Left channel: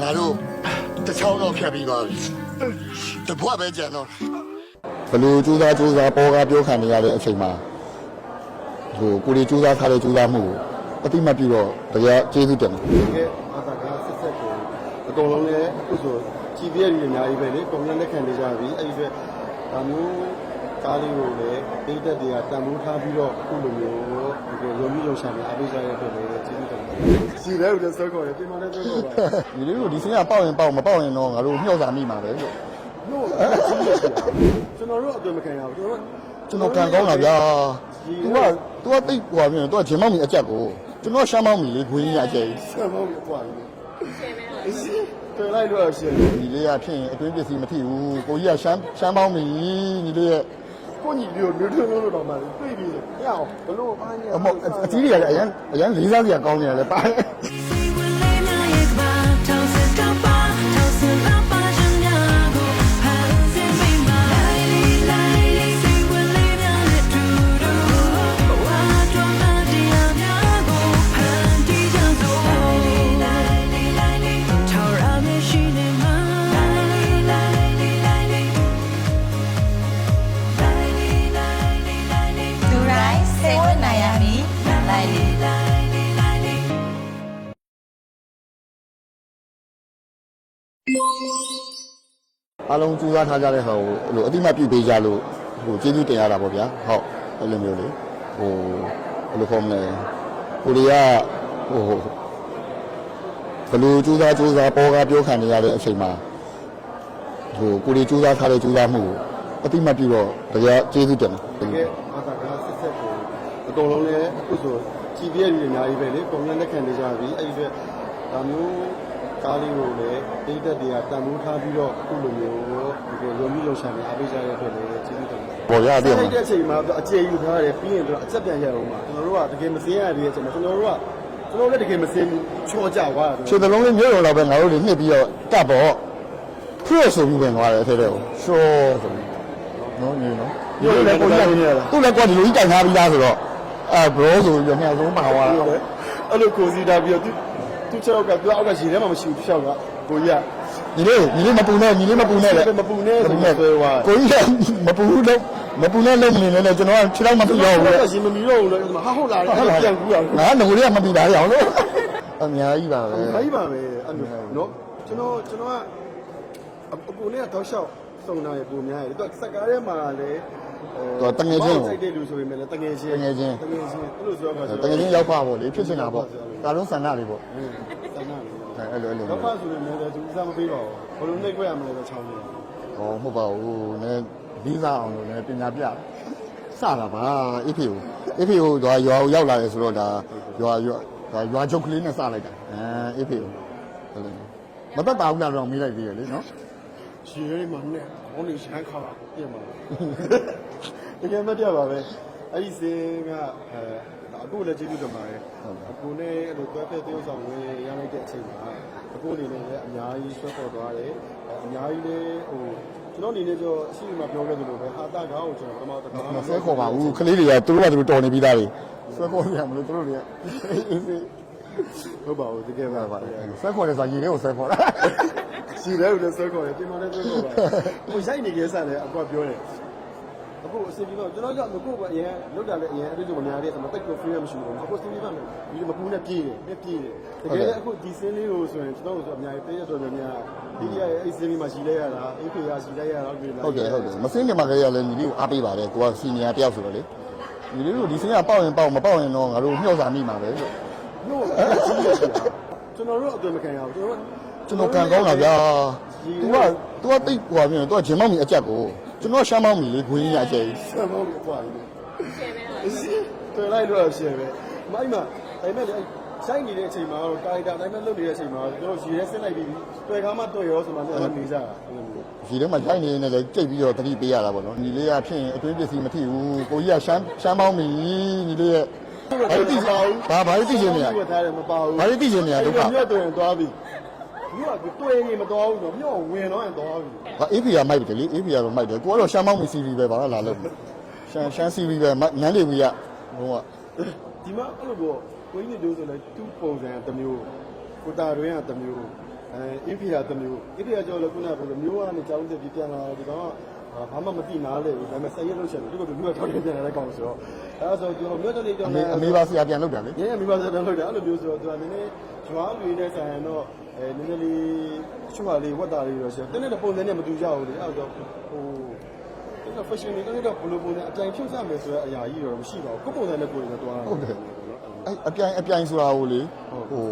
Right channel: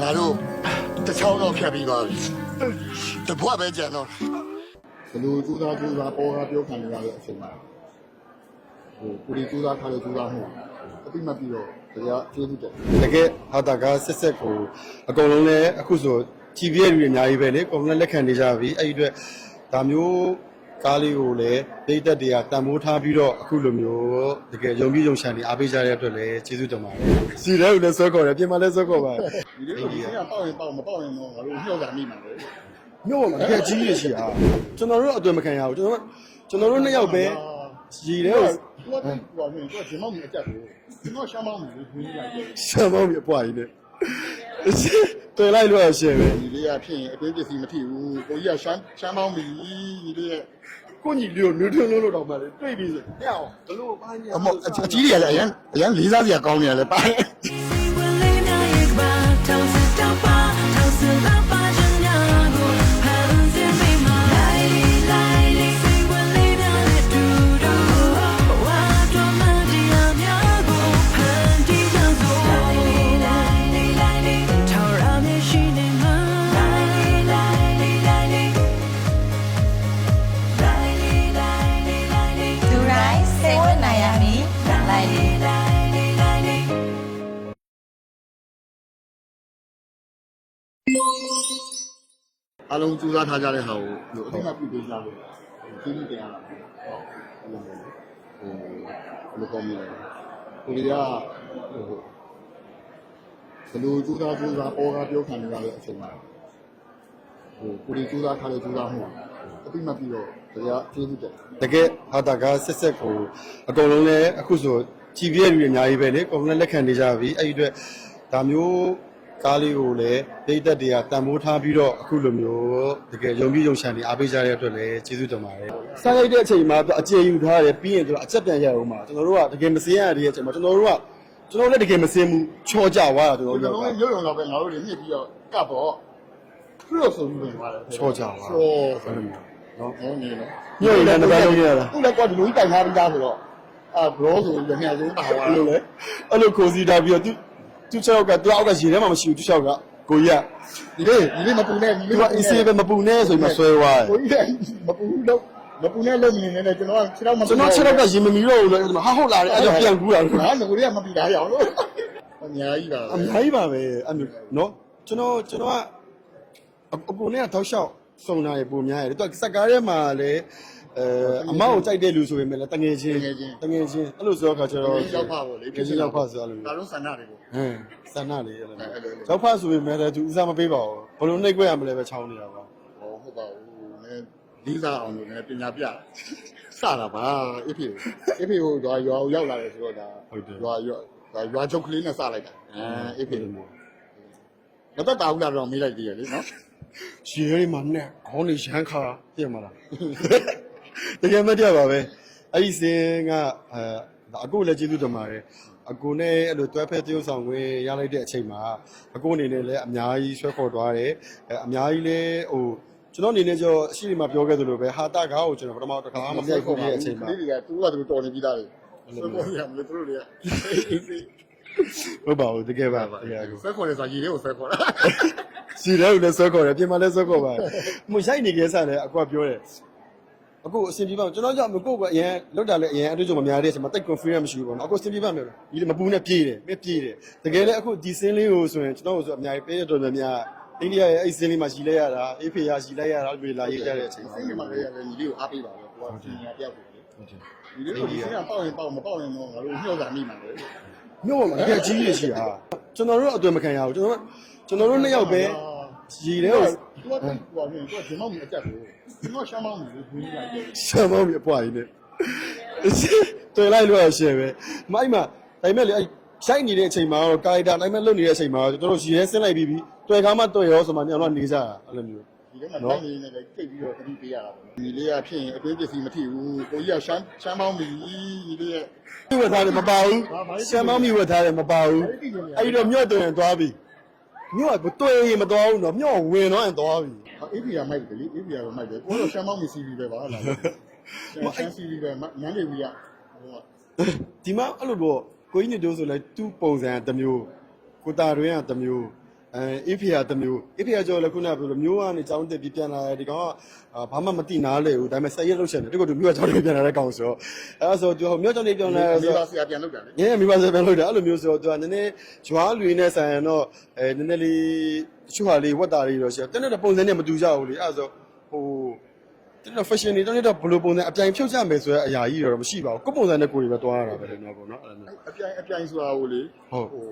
ငါတို့တစ်ချောင်းတော့ဖြတ်ပြီးသွားပြီတပွားပဲကြံတော့ဘလူစူးစားစူးစားပေါ်ကားပြောခံနေရတဲ့အချိန်မှာဟိုကိုရီစူးစားထားတဲ့စူးစားမှုကိုအတိမတ်ပြီးတော့တရားကျေးဇူးတင်တယ်တကယ်ဟာတာကဆက်ဆက်ကိုအကုန်လုံးလည်းအခုဆိုကြည်ပြည့်လူတွေအများကြီးပဲလေအကုန်လုံးလက်ခံနေကြပြီအဲ့ဒီအတွက်ဒါမျိုး ကားလေးကိုလည်းပိတ်သက်တွေကတန်ဖိုးထားပြီးတော့အခုလိုမျိုးတကယ်ယုံကြည်ယုံရှာနေအားပေးကြတဲ့အတွက်လည်းကျေးဇူးတင်ပါတယ်စီတဲ့ကိုလည်းဆွဲခေါ်တယ်ပြင်မလည်းဆွဲခေါ်ပါတယ်ဒီလိုဒီစင်းကပေါက်ရင်ပေါက်မပေါက်ရင်တော့ငါတို့မျှော့စာမိမှာပဲလို့မြို့ကတကယ်ကြီးရရှိတာကျွန်တော်တို့အတွေ့မခံရဘူးကျွန်တော်တို့ကျွန်တော်တို့လည်းရောက်တယ်ကြီးတယ် तू ကတိတ်ဟိုပါပြန် तू ကဂျင်မောက်မီအကြက်ကိုကျွန်တော်ရှမ်းမောက်မီလေးခွင်းကြီးအကျဲရှမ်းမောင်းပြအဖွာကြီးနဲ့တွေ့လိုက်လို့ရှယ်တယ်ဒီလေးကဖြစ်ရင်အတွင်းပစ္စည်းမထိဘူးကိုကြီးကရှမ်းရှမ်းမောက်မီဒီလေးရဲ့ ကိုညီလေးကိုမျိုးထွန်းလို့တော့မှလေတွေ့ပြီဆိုရအောင်ဘလို့ပါအမအကြီးကြီးရလည်းအရင်လေးစားစရာကောင်းနေတယ်ပါဝင်လေးများရဲ့ကဘာ အားလုံးကြိုးစားထားကြတဲ့ဟာကိုအဲ့လိုအတိမတ်ပြုပေးကြလို့ဟိုကျေးဇူးတင်ရတာပေါ့ဗျာဟုတ်အဲ့လိုမျိုးလေဟိုဘယ်လိုခေါ်မလဲကိုရီးယားဟိုဘယ်လိုကြိုးစားကြိုးစားပေါ်ကားပြောခံနေရတဲ့အချိန်မှာဟိုကိုရီးကြိုးစားထားတဲ့ကြိုးစားမှုကိုအတိမတ်ပြုတော့တရားကျေးဇူးတင်တယ်တကယ်ဟာတာကဆက်ဆက်ကိုအကုန်လုံးလည်းအခုဆိုကြည်ပြည့်လူတွေအများကြီးပဲလေအကုန်လုံးလက်ခံနေကြပြီအဲ့ဒီအတွက်ဒါမျိုး ကားလေးကိုလည်းပိတ်သက်တွေကတန်ဖိုးထားပြီးတော့အခုလိုမျိုးတကယ်ယုံကြည်ယုံရှာနေအားပေးကြတဲ့အတွက်လည်းကျေးဇူးတင်ပါတယ်ပေါ်ရစတဲ့လိုက်တဲ့အချိန်မှာအကျေယူထားတယ်ပြီးရင်တော့အချက်ပြန်ရအောင်ပါကျွန်တော်တို့ကတကယ်မစင်းရတဲ့အချိန်မှာကျွန်တော်တို့ကကျွန်တော်လည်းတကယ်မစင်းဘူးချောကြသွားတာချိုတလုံးလေးမျိုးတော်တော့ပဲငါတို့တွေနှစ်ပြီးတော့ကပ်ပေါ့ဖရဆိုပြီးဝင်သွားတယ်အဲ့ဒါတော့ရှောဆိုပြီးနော်နေနော်သူလည်းကွာဒီလိုကြီးတိုင်ထားပြီးသားဆိုတော့အာဘရောဆိုပြီးတော့ငှက်သုံးပါသွားအဲ့တော့လိုအဲ့လိုကိုစီတာပြီးတော့ သူသူချောက်ကသူအောက်ကရေထဲမှာမရှိဘူးသူချောက်ကကိုကြီးကဒီလေးဒီလေးမပူနဲ့ဒီလေးမပူနဲ့မပူနဲ့ဆိုပြီးဆွဲသွားတယ်ကိုကြီးမပူလို့မပူနဲ့လုံးနေနေကျွန်တော်ကခြေတော့မကျွန်ပြောတော်ဘူးဆက်တော့ရင်မမီတော့ဘူးလေဟာဟုတ်လာတယ်အဲ့ဒါပြန်ကူးတာငါငိုလေးကမပီတာရအောင်လို့အများကြီးပါပဲခိုင်းပါပဲအဲ့လိုနော်ကျွန်တော်ကျွန်တော်ကအကူနဲ့တောက်လျှောက် စုံတာရေပုံများရတယ်သူကစက်ကားထဲမှာလည်းအဲမောင်ကြိုက်တဲ့လူဆိုရင်လည်းတငယ်ချင်းတငယ်ချင်းအဲ့လိုဆိုတော့ကျွန်တတော်ကယ်ရောက်ပါပေါ့လေဖြစ်စရာပေါ့ဒါလုံးဆန္ဒတွေပေါ့ဟမ်စန္ဒလေးအဲ့လိုအဲ့လိုတော့ပါဆိုပေမဲ့လည်းသူဥစားမပေးပါဘူးဘလို့နှိပ်ခွဲရမလဲပဲချောင်းနေတာပေါ့ဟောမဟုတ်ပါဘူးနည်းဗီဇအောင်လို့လည်းပညာပြစတာပါအဖေကိုအဖေကိုရွာရွာရောက်လာတယ်ဆိုတော့ဒါရွာရွာရွာချုပ်ကလေးနဲ့စလိုက်တာအဲအဖေမပတ်ပါဘူးလားတော့မေးလိုက်သေးတယ်လေနော် ရေရီမှာနဲ့ခေါင်းနေရမ်းခါပြင်မှာတကယ်မတရားပါပဲအဲ့ဒီစင်းကအဲအခုလည်းကျေးဇူးတင်ပါတယ်အခုနဲ့အဲ့လိုတွဲဖက်တရုပ်ဆောင်ခွင့်ရလိုက်တဲ့အချိန်မှာအခုအနေနဲ့လည်းအများကြီးဆွဲခေါ်သွားတယ်အဲအများကြီးလည်းဟိုကျွန်တော်အနေနဲ့ကျတော့အရှိဒီမှာပြောခဲ့သလိုပဲဟာတာကားကိုကျွန်တော်ပထမတစ်ခါမမဆွဲပြောခေါ်ခေါ်ပါပါဘူးဘူးကလေးတွေကသူတို့ကသူတို့တော်နေပြီးသားတွေဆွဲခေါ်ရမလို့သူတို့တွေက ဟုတ်ပါဘူးတကယ်ပါဆွဲခေါ်တယ်ဆိုရေလေးကိုဆွဲခေါ်တာစီတဲ့ကိုလည်းဆွဲခေါ်တယ်ပြင်မလည်းဆွဲခေါ်ပါတယ်။ဟိုရိုက်နေကြစားတယ်အကွာပြောတယ်။အခုအဆင်ပြေပါကျွန်တော်ကြောင့်မကိုကအရင်လောက်တာလည်းအရင်အတူတူမများတဲ့ဆိုမှတိတ် confidence မရှိဘူးပေါ့။အခုအဆင်ပြေပါမယ်။ဒီမပူနဲ့ပြေးတယ်။မပြေးတယ်။တကယ်လည်းအခုဒီစင်းလေးကိုဆိုရင်ကျွန်တော်တို့ဆိုအများကြီးပေးရတော်တော်များဒီနေ့ရဲ့အဲ့စင်းလေးမှာရှိလိုက်ရတာအေးဖေရရှိလိုက်ရတာတွေ့လာဟုတ်ရတယ်ရဟုတ်တယ်မစင်းကမှလည်းရလဲညီလေးကိုအားပေးပါတယ်ကိုကစီနီယာတယောက်ဆိုတော့လေညီလေးတို့ဒီစင်းကပေါက်ရင်ပေါက်မပေါက်ရင်တော့ငါတို့မျှော့စာမိမှာပဲလို့။ မြို့ကတကယ်ကြီးရရှိတာ။ကျွန်တော်တို့အတွေ့မခံရဘူးကျွန်တော်ကျွန်တော်တို့လည်းရောက်တယ်ဗျာကြီးဒီတယ်ကသူကတိတ်ဟိုပါပြန်သူကဂျင်မောက်မီအကြက်ကိုကျွန်တော်ရှမ်းမောက်မီလေးခွင်းကြီးအကျဲရှမ်းမောင်းပြအဖွာကြီးနဲ့တွေ့လိုက်လို့ရှယ်ပဲမိုက်မှာဒါပေမဲ့လေအဲ့ရိုက်နေတဲ့အချိန်မှာတော့ကာရိုက်တာဒါပေမဲ့လွတ်နေတဲ့အချိန်မှာကျွန်တော်ရေဆင်းလိုက်ပြီးပြီတွေ့ကားမှတွေ့ရောဆိုမှကျွန်တော်နေကြတာအဲ့လိုမျိုးဒီထဲမှာထိုင်နေနေလည်းကြိတ်ပြီးတော့တတိပေးရတာပေါ့နော်ညီလေးကဖြစ်ရင်အတွင်းပစ္စည်းမထိဘူးကိုကြီးကရှမ်းရှမ်းမောက်မီညီလေးရဲ့ ဒီဝတ်ထားတယ်မပါဘူးဘာဘာလို့သိရှချင်မ်းလဲမောင်းပြဝတ်ထားတယ်မပါဘူးဘာလို့သိချင်နေရလဲအဲ့တော့ညော့တွေ့ရင်သွားပြီညော့ကတွေ့ရင်မသွားဘူးတော့ညော့ဝင်တော့ရင်သွားပြီဟာအေးဖီကမိုက်တယ်လေအေးဖီကတော့မိုက်တယ်ကိုကတော့ရှမ်းမောက်မီစီဗီပဲပါလားလို့ရှမ်းရှမ်းစီဗီပဲနန်းလေးဗီကဘုံကဒီမှာအဲ့လိုတော့ကိုကြီးညတိုးဆိုလဲသူ့ပုံစံတစ်မျိုးကိုတာတွင်ကတစ်မျိုး အဲအေးဖေကတစ်မျိုးအေးဖေကကြောလဲခုနကပြောလို့မျိုးကနေကြောင်းတက်ပြီးပြန်လာတယ်ဒီကောင်ကဘာမှမသိနားလေဘူးဒါပေမဲ့ဆက်ရက်လို့ချက်တယ်ဒီကသူမျိုးကကြောင်းတက်ပြန်လာတဲ့ကောင်ဆိုတော့အဲဒါဆိုသူမျိုးကြောင်းလေးပြောင်းဒီလာအမေပါဆရာပြန်လုပ်တာလေ။ရဲမိဘစေပြန်လို့တယ်အဲ့လိုမျိုးဆိုတော့သူကနည်းနည်းဂျွားလူရင်းနဲ့ဆိုင်ရင်တော့အဲနည်းနည်းလေးချွတ်ဟာလေးဝတ်တာလေးတော့ရှိတယ်။တင်းတဲ့ပုံစံနဲ့မတူကြဘူးလေ။အဲ့ဒါဆိုဟိုတင်းတဲ့ fashion တွေတင်းတဲ့ဘယ်လိုပုံစံအပြိုင်ဖြုတ်ချမယ်ဆိုတဲ့အရာကြီးတော့မရှိပါဘူး။ကိုယ်ပုံစံနဲ့ကိုယ်တွေပဲတွားတာပေါ့နော်။အဲ့အပြိုင်အပြိုင်ဆိုတာကိုလေဟုတ်ဟို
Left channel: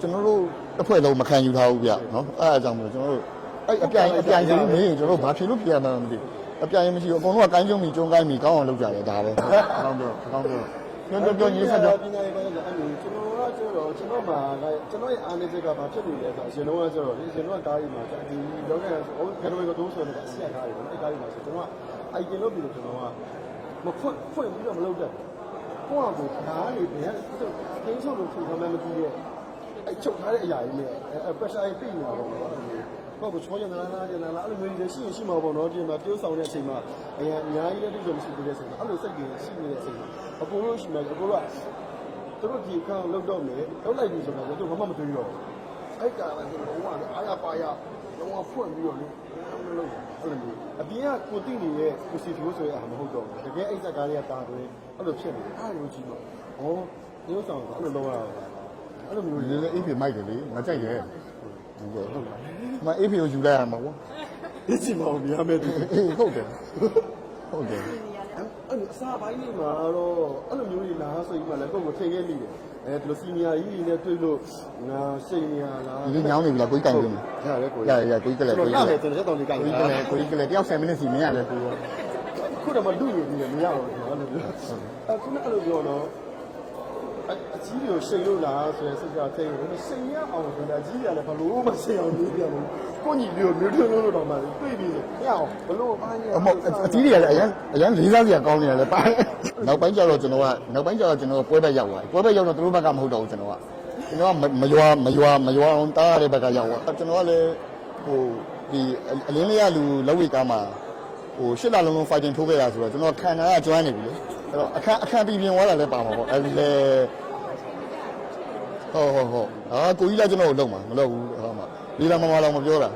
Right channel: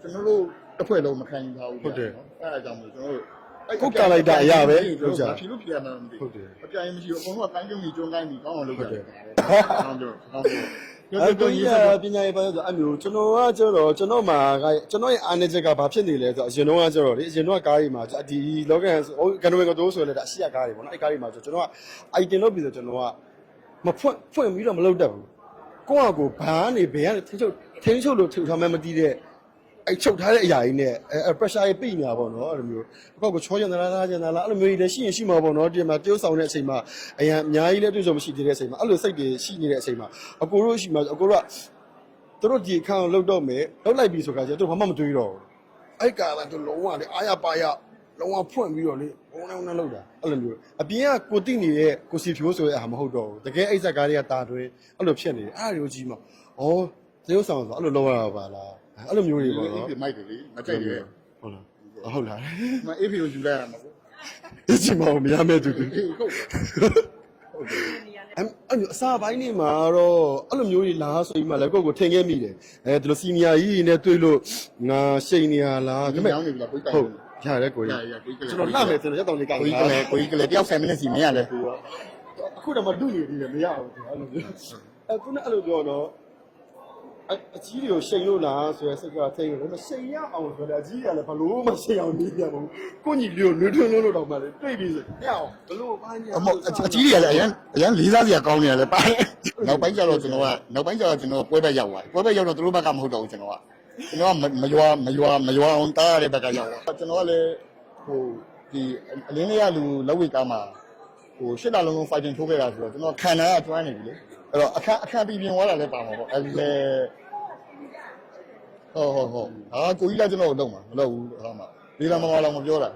ကျွန်တော်တို့တစ်ဖွဲ့လုံးမခံယူထားဘူးဗျဟုတ်တယ်နော်အဲ့အကြောင်းမျိုးကျွန်တော်တို့အဲ့ဟုတ်ကဲ့လိုက်တာအရာပဲကျွန်တော်တို့ဘာဖြစ်လို့ဖြစ်ရမှန်းမသိဘူးအပြိုင်မရှိဘူးအကုန်လုံးကကိုင်းကျုံမီကျုံကိုင်းမီကောင်းအောင်လုပ်ကြတယ်ဒါပဲကောင်းတော့ကောင်းတော့အဲ့တော့ဒီပညာရေးပိုင်းဆိုအဲ့မျိုးကျွန်တော်ကကျတော့ကျွန်တော်မှာကကျွန်တော်ရဲ့အားနည်းချက်ကဘာဖြစ်နေလဲဆိုတော့အရင်တော့ကကျတော့လေအရင်တော့ကားကြီးမှာဒီလောကန်ကန်ဝေကတော့ဆိုလဲအရှိရကားတွေပေါ့နော်အဲ့ကားကြီးမှာဆိုကျွန်တော်က item လုပ်ပြီးဆိုကျွန်တော်ကမဖွင့်ဖွင့်ပြီးတော့မလုပ်တတ်ဘူးကိုယ့်အကိုဘာကနေဘယ်ကနေထင်းချုပ်ထင်းချုပ်လို့ထထားမှမသိတဲ့ အဲ့ချုပ်ထားတဲ့အရာကြီးနဲ့အဲ pressure ကြီးပြိနေတာပေါ့နော်အဲ့လိုမျိုးကိုယ့်ကိုချောကျင်သလားလားကျင်သလားအဲ့လိုမျိုးကြီးလည်းရှိရင်ရှိမှာပေါ့နော်ဒီမှာတိုးဆောင်တဲ့အချိန်မှာအရင်အများကြီးလည်းတိုးဆောင်မရှိသေးတဲ့အချိန်မှာအဲ့လိုစိတ်တွေရှိနေတဲ့အချိန်မှာအကိုတို့ရှိမှာအကိုတို့ကသူတို့ဒီအခန်းကိုလှုပ်တော့မယ်လှုပ်လိုက်ပြီဆိုကြတော့သူဘာမှမတွေးတော့အဲ့ကာလကလုံးဝလေအားရပါရလုံးဝဖွင့်ပြီးတော့လေဘုံလုံးလုံးလောက်တာအဲ့လိုမျိုးအပြင်ကကိုတိနေတဲ့ကိုစီဖြိုးဆိုတဲ့အားမဟုတ်တော့ဘူးတကယ်အိတ်ဆက်ကားတွေကတာတွဲအဲ့လိုဖြစ်နေတယ်အဲ့ဒါတွေကိုကြည့်မှာဩသေုပ်ဆောင်ဆိုအဲ့လိုလုံးဝရပါလား အဲ့လိုမျိုးဒီတွေအေးပြမိုက်တယ်လေငါကြိုက်တယ်ဟုတ်လားမအေးပြကိုယူလိုက်ရမှာပေါ့ဒီချိန်မှာမရမဲ့သူအေးဟုတ်တယ်ဟုတ်တယ်အဲ့အဲ့လိုအစားပိုင်းနေမှာတော့အဲ့လိုမျိုးကြီးလားဆိုပြီးမှလည်းကိုယ့်ကိုထင်ခဲ့မိတယ်အဲဒီလိုစီနီယာကြီးနဲ့တွေ့လို့ငါရှိန်နေရလားဒီမြောင်းနေပြီလားကိုကြီးကိုင်းနေရတယ်ကိုရရကိုကြီးကလည်းကျွန်ကိုတော်ကြီးလာကမယ်လည်းဆိုတော့တောင်းနေကိုကိုကြီးကလည်းကိုကြီးကလည်းတယောက်7မိနစ်စီမရတယ် ခုတော့မလူနေဘူးလေမရဘူးအဲ့လိုမျိုးအခုနအဲ့လိုပြောတော့ အကြီးကိုရှိန်လို့လားဆိုရယ်စိတ်ကထိတ်တယ်ရှိန်ရအောင်ဆိုတာအကြီးကလည်းဘလို့မရှိအောင်နေပြတယ်ကိုညီလေးကိုနေထွန်းလို့တော့မှလေပြေးပြီးဆိုရအောင်ဘလို့အမအကြီးတွေကလည်းအရင်အရင်လေးစားစရာကောင်းနေတယ်ပိုင်းနောက်ပိုင်းကျတော့ကျွန်တော်ကနောက်ပိုင်းကျတော့ကျွန်တော်ပွဲဘက်ရောက်သွားပွဲဘက်ရောက်တော့သူတို့ဘက်ကမဟုတ်တော့ဘူးကျွန်တော်ကကျွန်တော်မရွာမရွာမရွာအောင်တားရတဲ့ဘက်ကရောက်သွားကျွန်တော်ကလည်းဟိုဒီအလင်းလေးရလူလောက်ဝေကားမှာဟိုရှစ်လလုံးလုံး fighting ထိုးခဲ့တာဆိုတော့ကျွန်တော်ခံနာကကျွမ်းနေပြီလေ အဲ့တော့အခက်အခက်ပြီးပြင်သွားတာလည်းပါမှာပေါ့အဲ့ဒီလေဟုတ်ဟုတ်ဟုတ်အာကိုကြီးလည်းကျွန်တော်ကိုလုံမှာမလုံဘူးဟောမှာဒီလာမမလောင်မပြောတာ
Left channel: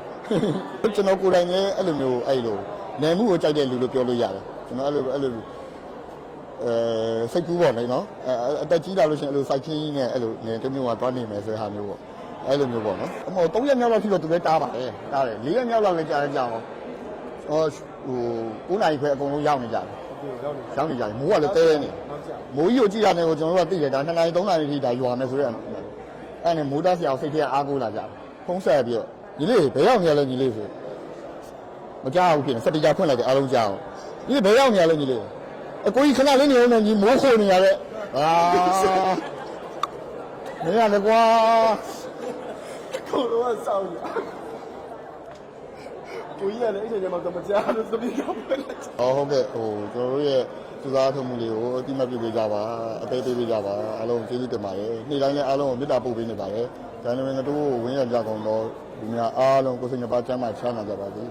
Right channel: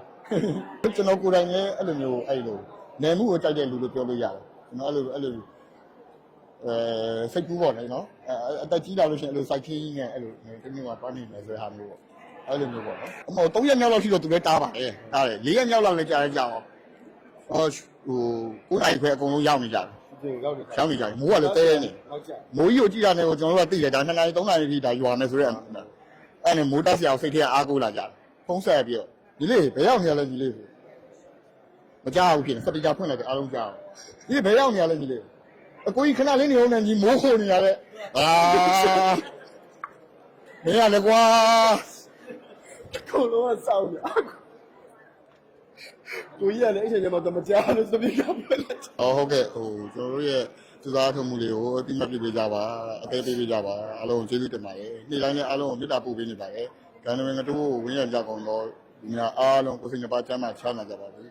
ကျွန်တော်ကိုယ်တိုင်လည်းအဲ့လိုမျိုးအဲ့လိုနိုင်မှုကိုကြိုက်တဲ့လူလို့ပြောလို့ရတယ်ကျွန်တော်အဲ့လိုအဲ့လိုအဲစိတ်ကူးပေါ့လေနော်အဲအတက်ကြီးလာလို့ရှိရင်အဲ့လိုစိုက်ခင်းနဲ့အဲ့လိုနေတမျိုးကသွားနေမယ်ဆိုတဲ့ဟာမျိုးပေါ့အဲ့လိုမျိုးပေါ့နော်အမော3ရက်မြောက်လောက်ရှိတော့သူလည်းတားပါလေတားတယ်4ရက်မြောက်လောက်လည်းကြာရင်ကြာအောင်ဟောဟို9နိုင်ခွဲအကုန်လုံးရောက်နေကြတယ် ရောက်နေရောက်နေကြတယ်မိုးကလည်းတဲတဲနေနောက်ကြမိုးကြီးကိုကြည့်ရတယ်ကိုကျွန်တော်တို့ကသိတယ်ဒါ2နာရီ3နာရီထိဒါရွာမယ်ဆိုတော့အဲ့နဲ့မိုးတက်စရာစိတ်ထဲအားကိုးလာကြတယ်ဖုံးဆက်ပြီးတော့ညီလေးဘယ်ရောက်နေရလဲညီလေးဆိုမကြောက်ဘူးခင်စက်တီကဖွင့်လိုက်တယ်အားလုံးကြောက်ညီဘယ်ရောက်နေရလဲညီလေးအကိုကြီးခဏလေးနေအောင်နဲ့ညီမိုးခိုနေရတဲ့အာနေရလေကွာကိုလိုကစောင်းရ ကိုကြီးကလည်းအဲ့ချိန်မှာတော့မကြားလို့သတိကပဲလက်ဟောဟုတ်ကဲ့ဟိုကျွန်တော်တို့ရဲ့စူးစားထုတ်မှုတွေကိုအတိမတ်ပြပေးကြပါအသေးသေးပေးကြပါအားလုံးကျေးဇူးတင်ပါတယ်နေ့တိုင်းလည်းအားလုံးကိုမေတ္တာပို့ပေးနေပါတယ်ဒါနဲ့ငါတို့ကိုဝင်းရကြကုန်တော့ဒီများအားလုံးကိုယ်စိတ်နှပါချမ်းသာချမ်းသာကြပါစေ